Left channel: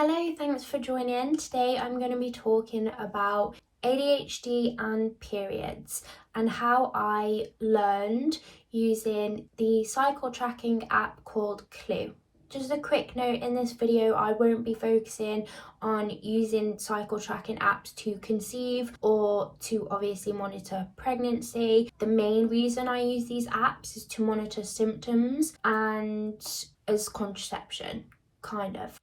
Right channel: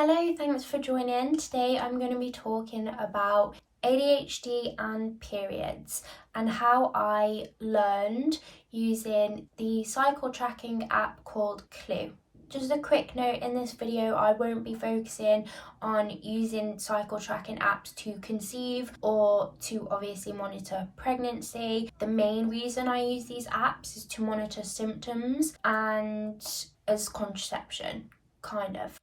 Hello, thanks for joining. Today I'm going to be talking about ADHD and periods and how I learned using the cycle tracking app called Clue. Just a quick note, in this video I won't be focusing on using cycle tracking apps to conceive or to obviously monitor pregnancy. The main reason I use these apps is to monitor symptoms and as contraception, kind of.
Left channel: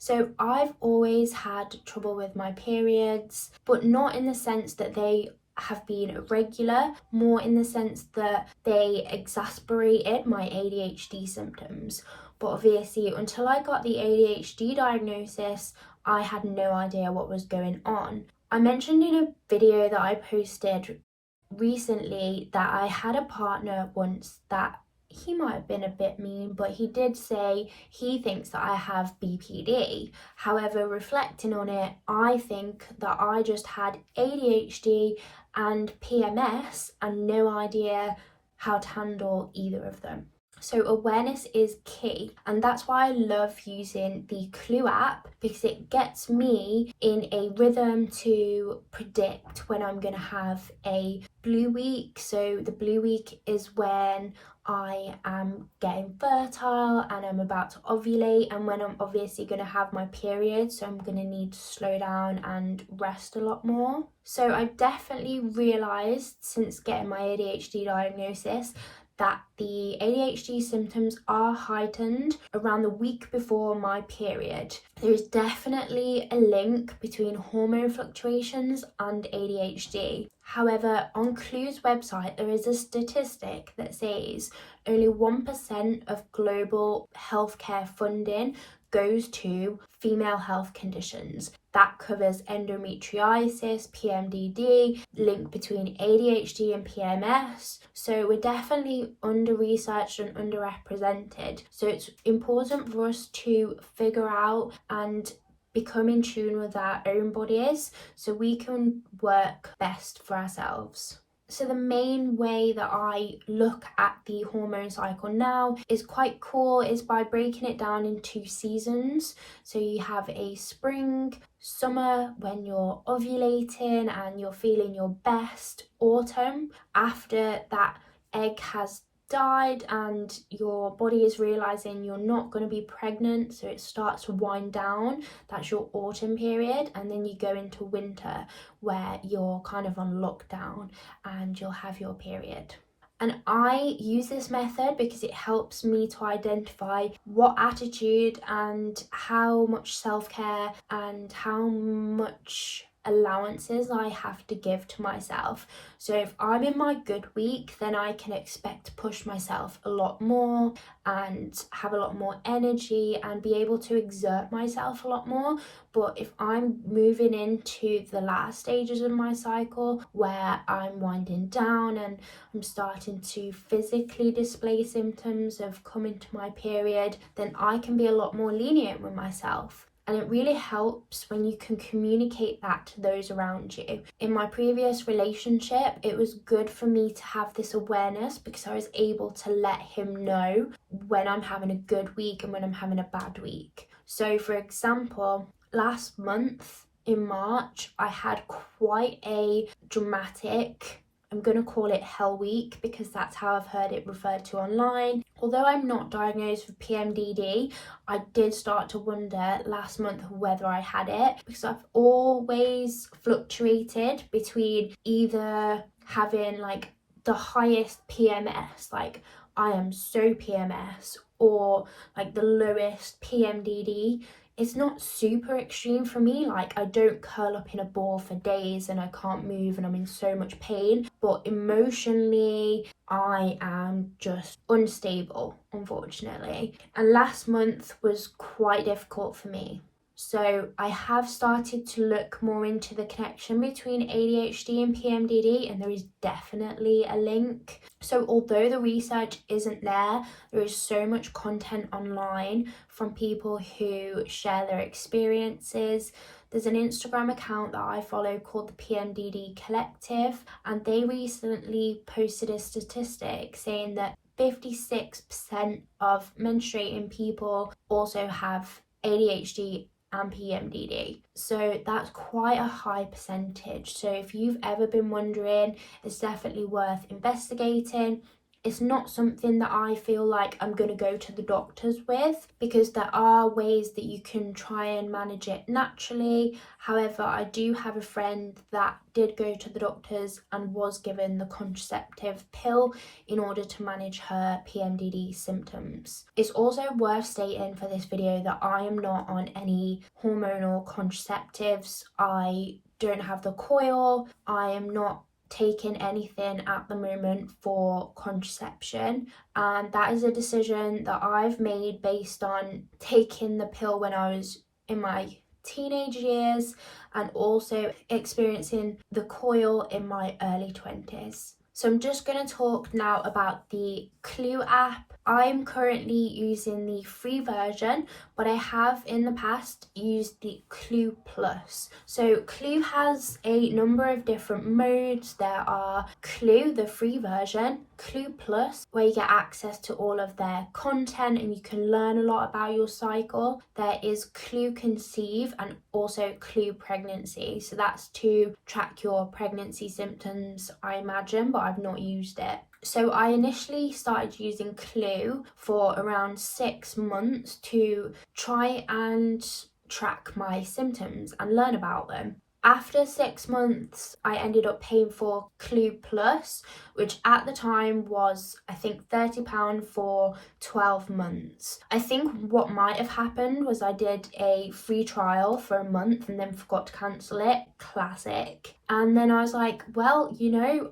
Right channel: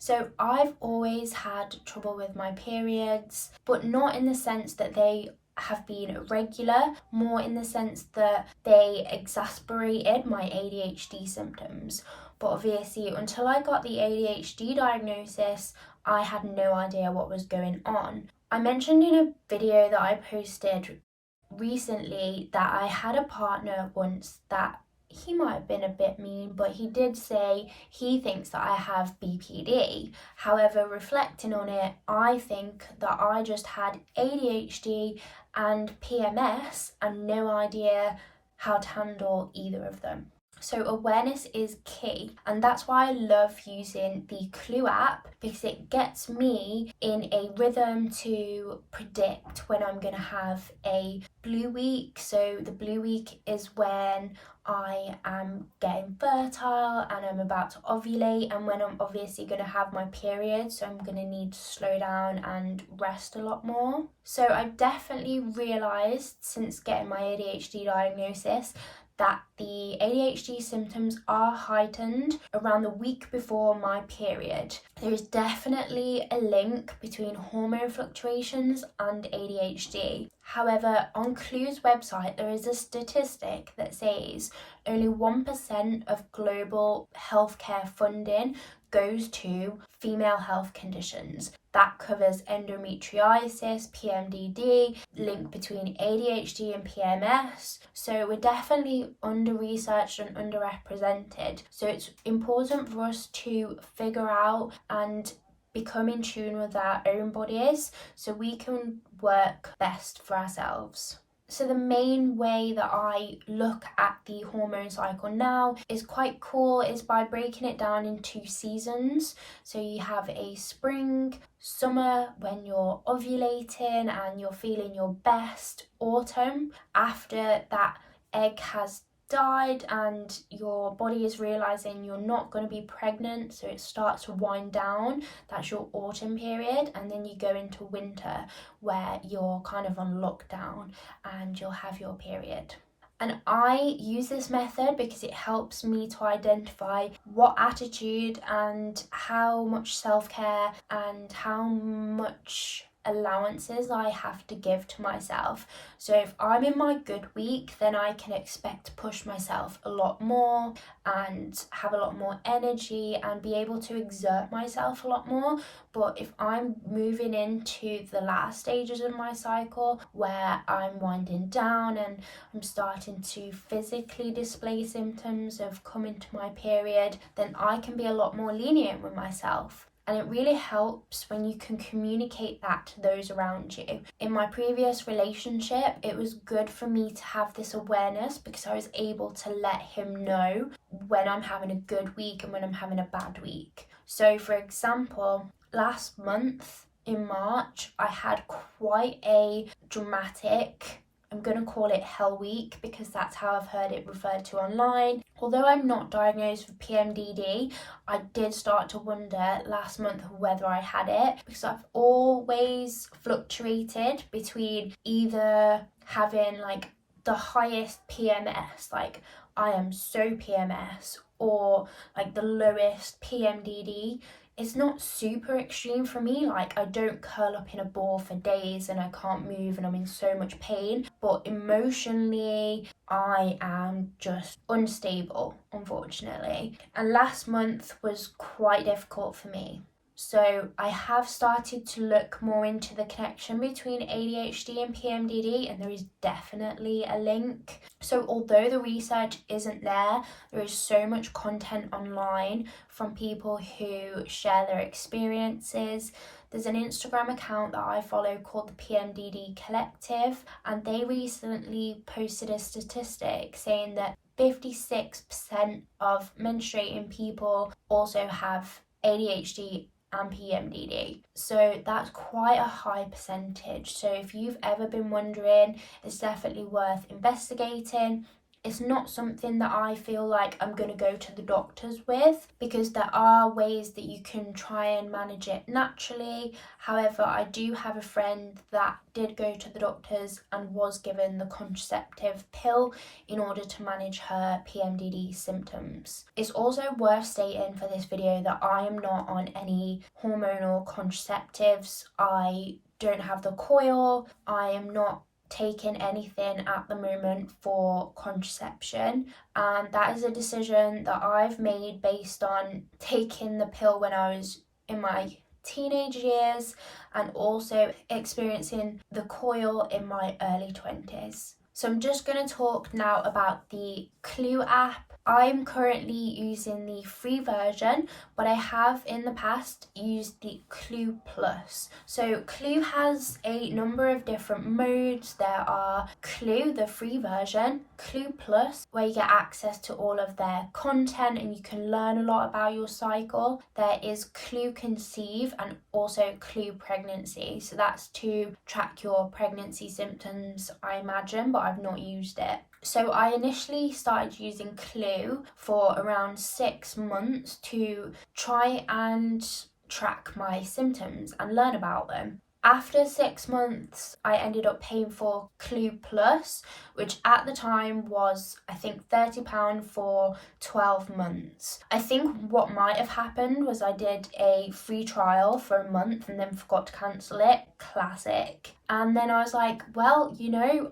So I've always had trouble with my periods, but not in the sense that they have been irregular, more in the sense that they exasperated my ADHD symptoms. But obviously, until I got the ADHD diagnosis, I had no idea what was going on. I mentioned in a video that I posted recently that I had a partner once that he might have been a bit mean, but he did say he thinks that I have BPD. However, reflecting on it, I think that I just had ADHD and PMS and no idea how to handle either of them. So awareness is key, and that's why I love using the Clue app, because it gets me in a rhythm to predict when I'm going to have a blue week. So the blue week is when I am getting fertile and I'm about to ovulate, and when I'm obviously going to have my period, so I'm going to need to slow down and rest a lot more. So I've definitely realised since getting my ADHD diagnosis that the ADHD symptoms are heightened around the week before my period. There is definitely a link between hormone fluctuations and ADHD. However, on Clue's website, there is a statistic that says only 1% of global healthcare funding goes to female health conditions. That covers endometriosis, PMDD, link between ADHD and PMS. So we're definitely under-researched and underrepresented. So it's important for us to figure out and become in tune with our own bodies so we can work best for ourselves. So the main way that I look at the hormone cycle now is quite cool, is by breaking it down into seasons. So you have a spring, summer when you're ovulating and you're feeling your best, autumn after that egg has died and your body is realizing you're not going to be pregnant, so it starts to wind down. That's your autumn period, and then you go into winter where you're kind of on lockdown and you'll have your period. And I use this method because it helps me to identify what attitude and how much self-care and how much allowances I have to give to myself. So if I'm in my good week, then I can expect to push myself a lot more and have a lot more energy and be able to exert myself a lot more. But if I'm moving into the last stages of my cycle where I'm winding down and I'm starting to physically display symptoms of coming to my period, then I can be a lot more lenient with myself. And it really helps when you can communicate that to those around you. In my previous relationship, it was good for me to have this awareness because I was able to let him know when I'm having a good week and when I'm having a bad week. So for example, last month in March, I had quite a dramatic, I'm going to call it hell week because that's how I've heard it referred to online. Although I'm not diagnosed with PMDD, I did start to wonder last month whether I had it, because I've always fluctuated between either having like the highest PMS, like I am so PMS, or like the lowest PMDD. It's not super extreme for me, like I don't curl up in a ball for days and I can't move and I'm in so much pain, but emotionally I am just unstable, unfortunately. And last month was quite difficult for me. So I have started to look more into the connection between ADHD and PMDD, and there is definitely a link. So although the research isn't there, there is so much content online from people who share their experiences. There's an Instagram account that I follow called the PMDD Collective, and they recently posted a statistic saying that 56% of menstruating people also have ADHD and PMDD. So that's quite a high percentage. So if you've ever been wondering, it's definitely worth investigating. It's not something that I feel like I'm going to go to the doctors with, because there are ways that you can try and manage it naturally. However, I do have a friend that did go to the doctors and was given the contraceptive pill in order to manage her PMDD symptoms. It's also worth stating for this video that I am not on any hormonal contraceptives. I don't have the coil. I am not taking anything at the moment for contraception, and that is a decision that I've made based on taking the pill when I was in my teenage years and also experiencing the coil in my early 20s. So I'm just going to talk now about the Clue app. I'm currently using the free version, but I have in the past used the Clue Plus. So Clue has a number of different modes. There are Clue, the free version, Clue Plus, where you get access to all of their content and you can learn a lot about your cycle. There is Clue Conceive and also Clue Pregnancy. So that's to track your pregnancy symptoms, I imagine, but I've not used it. So I initially started using Clue for around 6 months to try and track my symptoms and learn about them. After 6 months, I ended up paying for Clue Plus, which at the time was, I think, £30 for 12 months. I think what might have happened was I did a free trial for a month and then forgot to cancel it. Classic. And then I was like, well,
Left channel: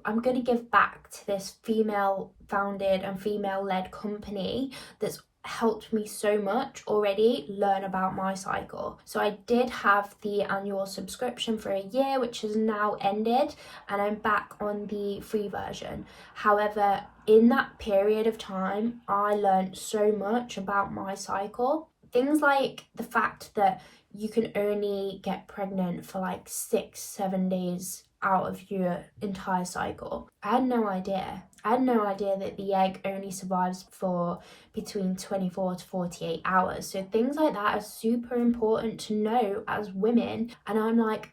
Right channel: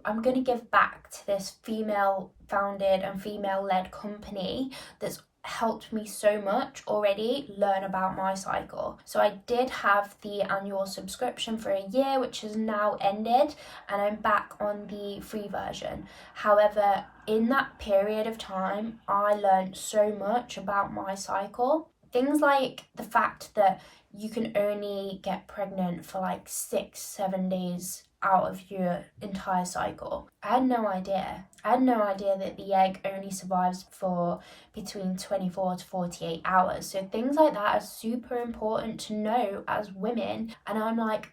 I'm going to give back to this female-founded and female-led company that's helped me so much already learn about my cycle. So I did have the annual subscription for a year, which has now ended, and I'm back on the free version. However, in that period of time, I learned so much about my cycle. Things like the fact that you can only get pregnant for like 6-7 days out of your entire cycle. I had no idea. I had no idea that the egg only survives for between 24 to 48 hours. So things like that are super important to know as women. And I'm like,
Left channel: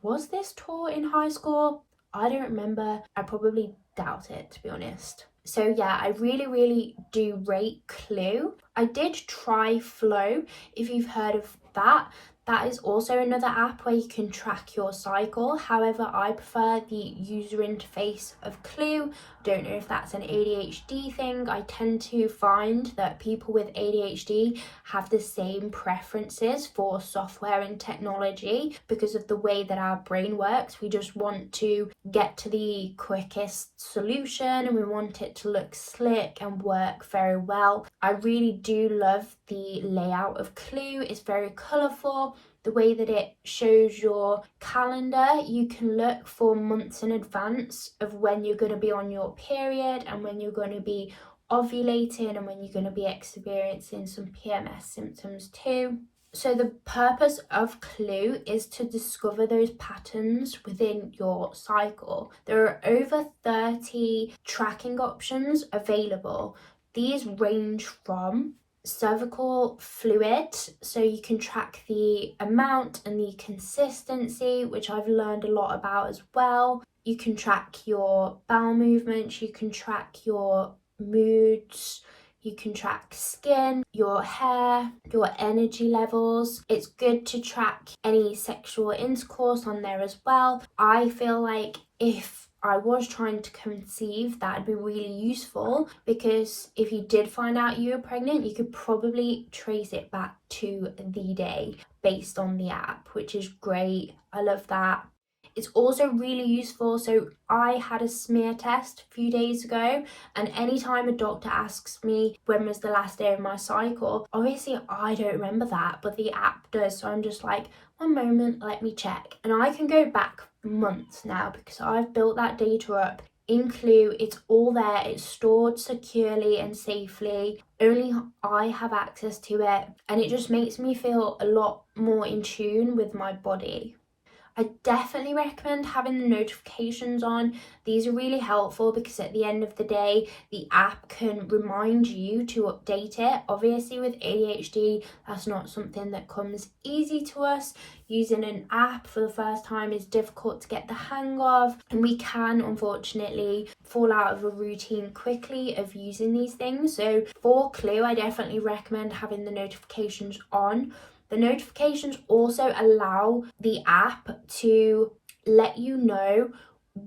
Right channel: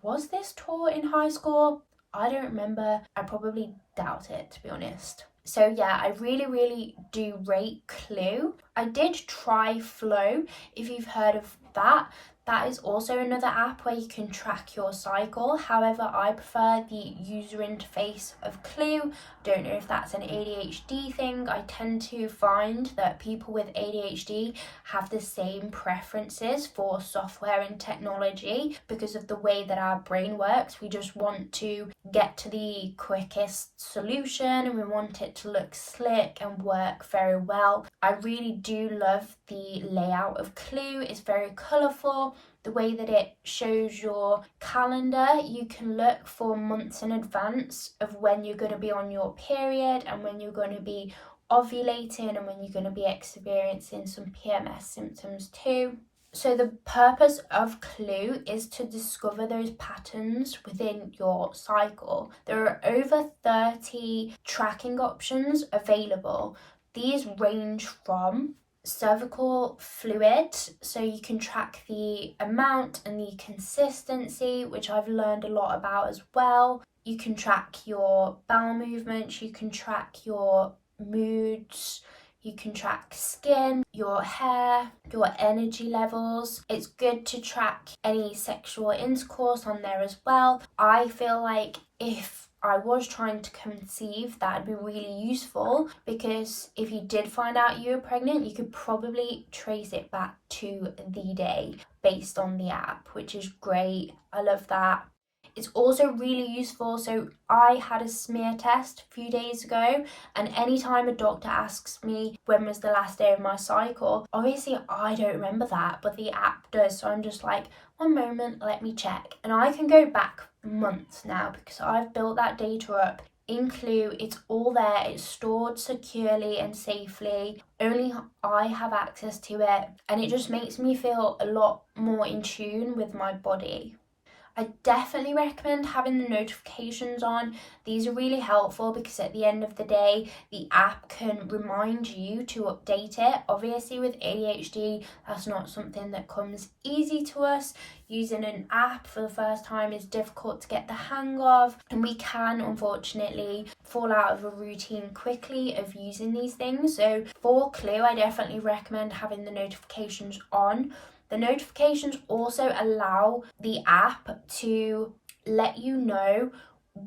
was this taught in high school? I don't remember. I probably doubt it, to be honest. So yeah, I really do rate Clue. I did try Flow, if you've heard of that. That is also another app where you can track your cycle. However, I prefer the user interface of Clue. Don't know if that's an ADHD thing. I tend to find that people with ADHD have the same preferences for software and technology because of the way that our brain works. We just want to get to the quickest solution and we want it to look slick and work very well. I really do love the layout of Clue. It's very colourful. The way that it shows your calendar, you can look for months in advance of when you're going to be on your period and when you're going to be ovulating and when you're going to be experiencing some PMS symptoms too. So the purpose of Clue is to discover those patterns within your cycle. There are over 30 tracking options available. These range from cervical fluid, so you can track the amount and the consistency, which I've learned a lot about as well. You can track your bowel movements, you can track your moods, you can track skin, your hair, your energy levels. It's good to track any sexual intercourse on there as well. I feel like if I was trying to conceive, that'd be really useful, because if you did find out you were pregnant, you could probably trace it back to the day based on the app, which is great. I love that. It's also really useful. So I had a smear test a few days ago, and anytime a doctor asks me when was the last day of my cycle, obviously I don't remember that, but the app does. So I'm just like, one moment, let me check. And I can go back months now because I've built that data up in Clue. It's all there, it's stored securely and safely. Only I have access to it, and it just makes me feel a lot more in tune with my body. I definitely recommend having the notifications on. These are really helpful because at the end of the day, the app can remind you to update it. Obviously with ADHD, that's not something that comes easy to us. Using an app for the first time is difficult to get the hang of, and we can unfortunately fall out of a routine quickly of using these things. So for Clue, I definitely recommend having the notifications on. The notifications also allow the app to let you know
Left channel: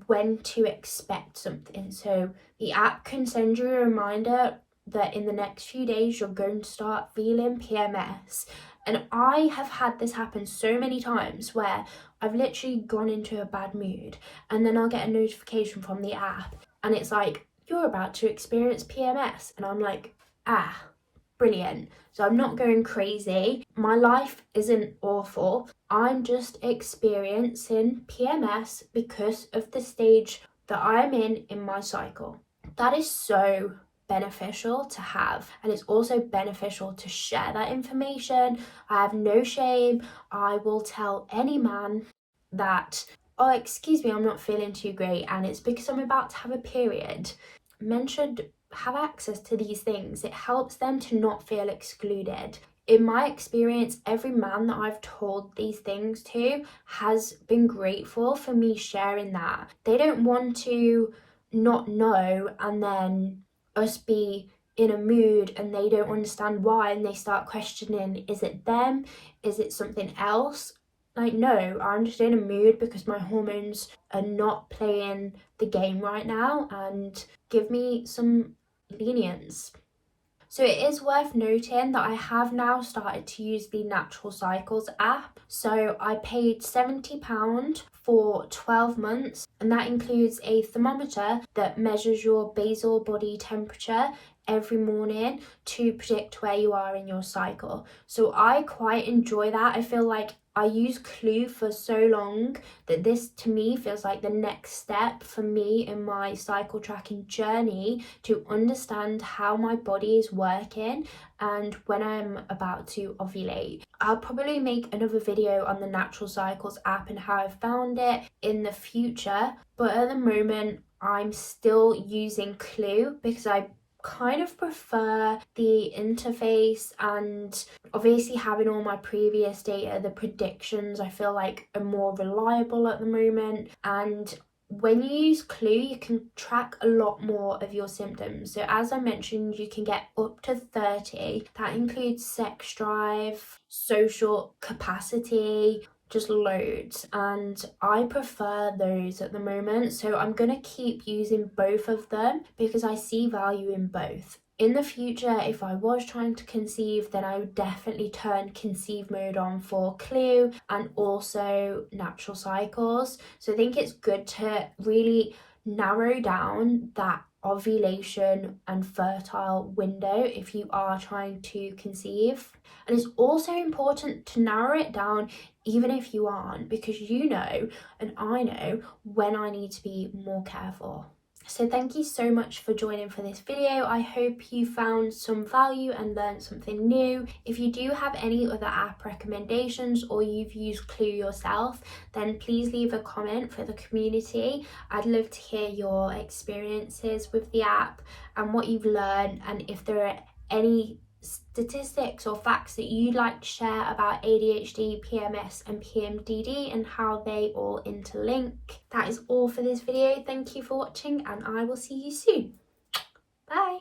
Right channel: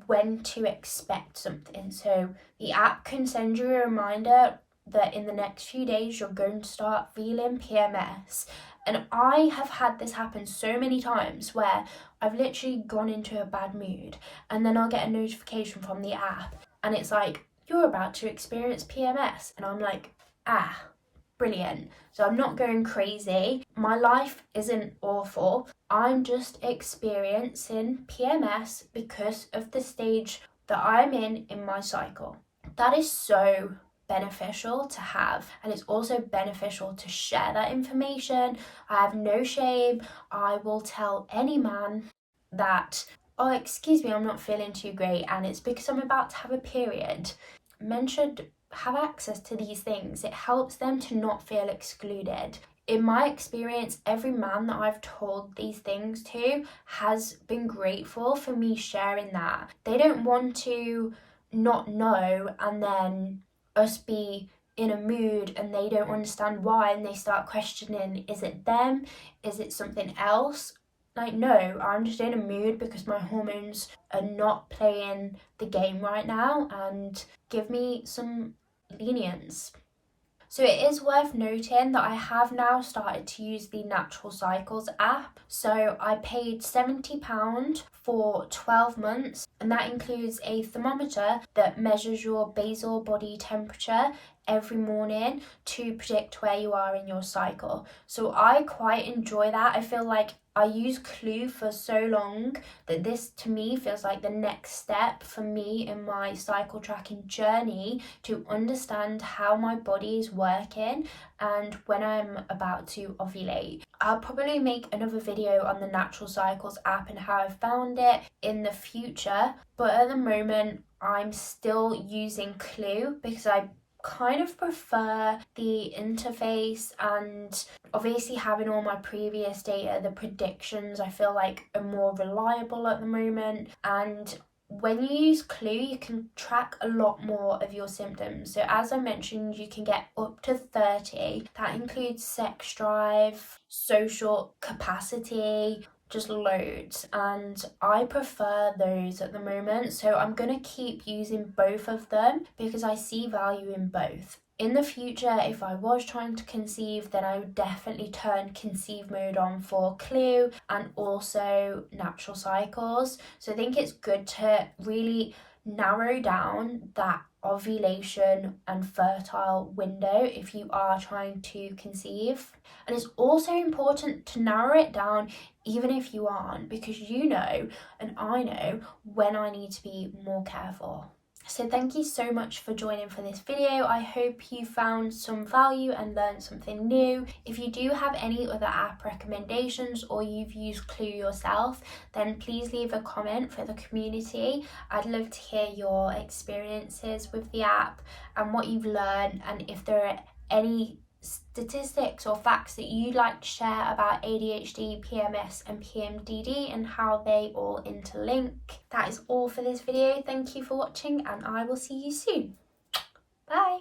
when to expect something. So the app can send you a reminder that in the next few days you're going to start feeling PMS. And I have had this happen so many times where I've literally gone into a bad mood and then I'll get a notification from the app and it's like, you're about to experience PMS. And I'm like, brilliant. So I'm not going crazy. My life isn't awful. I'm just experiencing PMS because of the stage that I'm in my cycle. That is so beneficial to have, and it's also beneficial to share that information. I have no shame. I will tell any man that, oh, excuse me, I'm not feeling too great and it's because I'm about to have a period. Men should have access to these things. It helps them to not feel excluded. In my experience, every man that I've told these things to has been grateful for me sharing that. They don't want to not know and then us be in a mood and they don't understand why and they start questioning, is it them? Is it something else? Like, no, I'm just in a mood because my hormones are not playing the game right now, and give me some lenience. So it is worth noting that I have now started to use the Natural Cycles app. So I paid £70 for 12 months, and that includes a thermometer that measures your basal body temperature every morning to predict where you are in your cycle. So I quite enjoy that. I feel like I use Clue for so long that this to me feels like the next step for me in my cycle tracking journey to understand how my body is working and when I'm about to ovulate. I'll probably make another video on the Natural Cycles app and how I found it in the future, but at the moment I'm still using Clue because I kind of prefer the interface, and obviously having all my previous data, the predictions I feel like are more reliable at the moment. And when you use Clue, you can track a lot more of your symptoms. So as I mentioned, you can get up to 30. That includes sex drive, social capacity, just loads, and I prefer those at the moment. So I'm gonna keep using both of them because I see value in both. In the future, if I was trying to conceive, then I would definitely turn conceive mode on for Clue and also Natural Cycles. So I think it's good to really narrow down that ovulation and fertile window if you are trying to conceive. And it's also important to narrow it down even if you aren't, because you know and I know when I need to be more careful. So thank you so much for joining for this video. I hope you found some value and learned something new. If you do have any other app recommendations or you've used Clue yourself, then please leave a comment for the community. I'd love to hear your experiences with the app and what you've learned, and if there are any statistics or facts that you'd like to share about ADHD, PMS and PMDD and how they all interlink. That is all for this video. Thank you for watching and I will see you soon. Bye.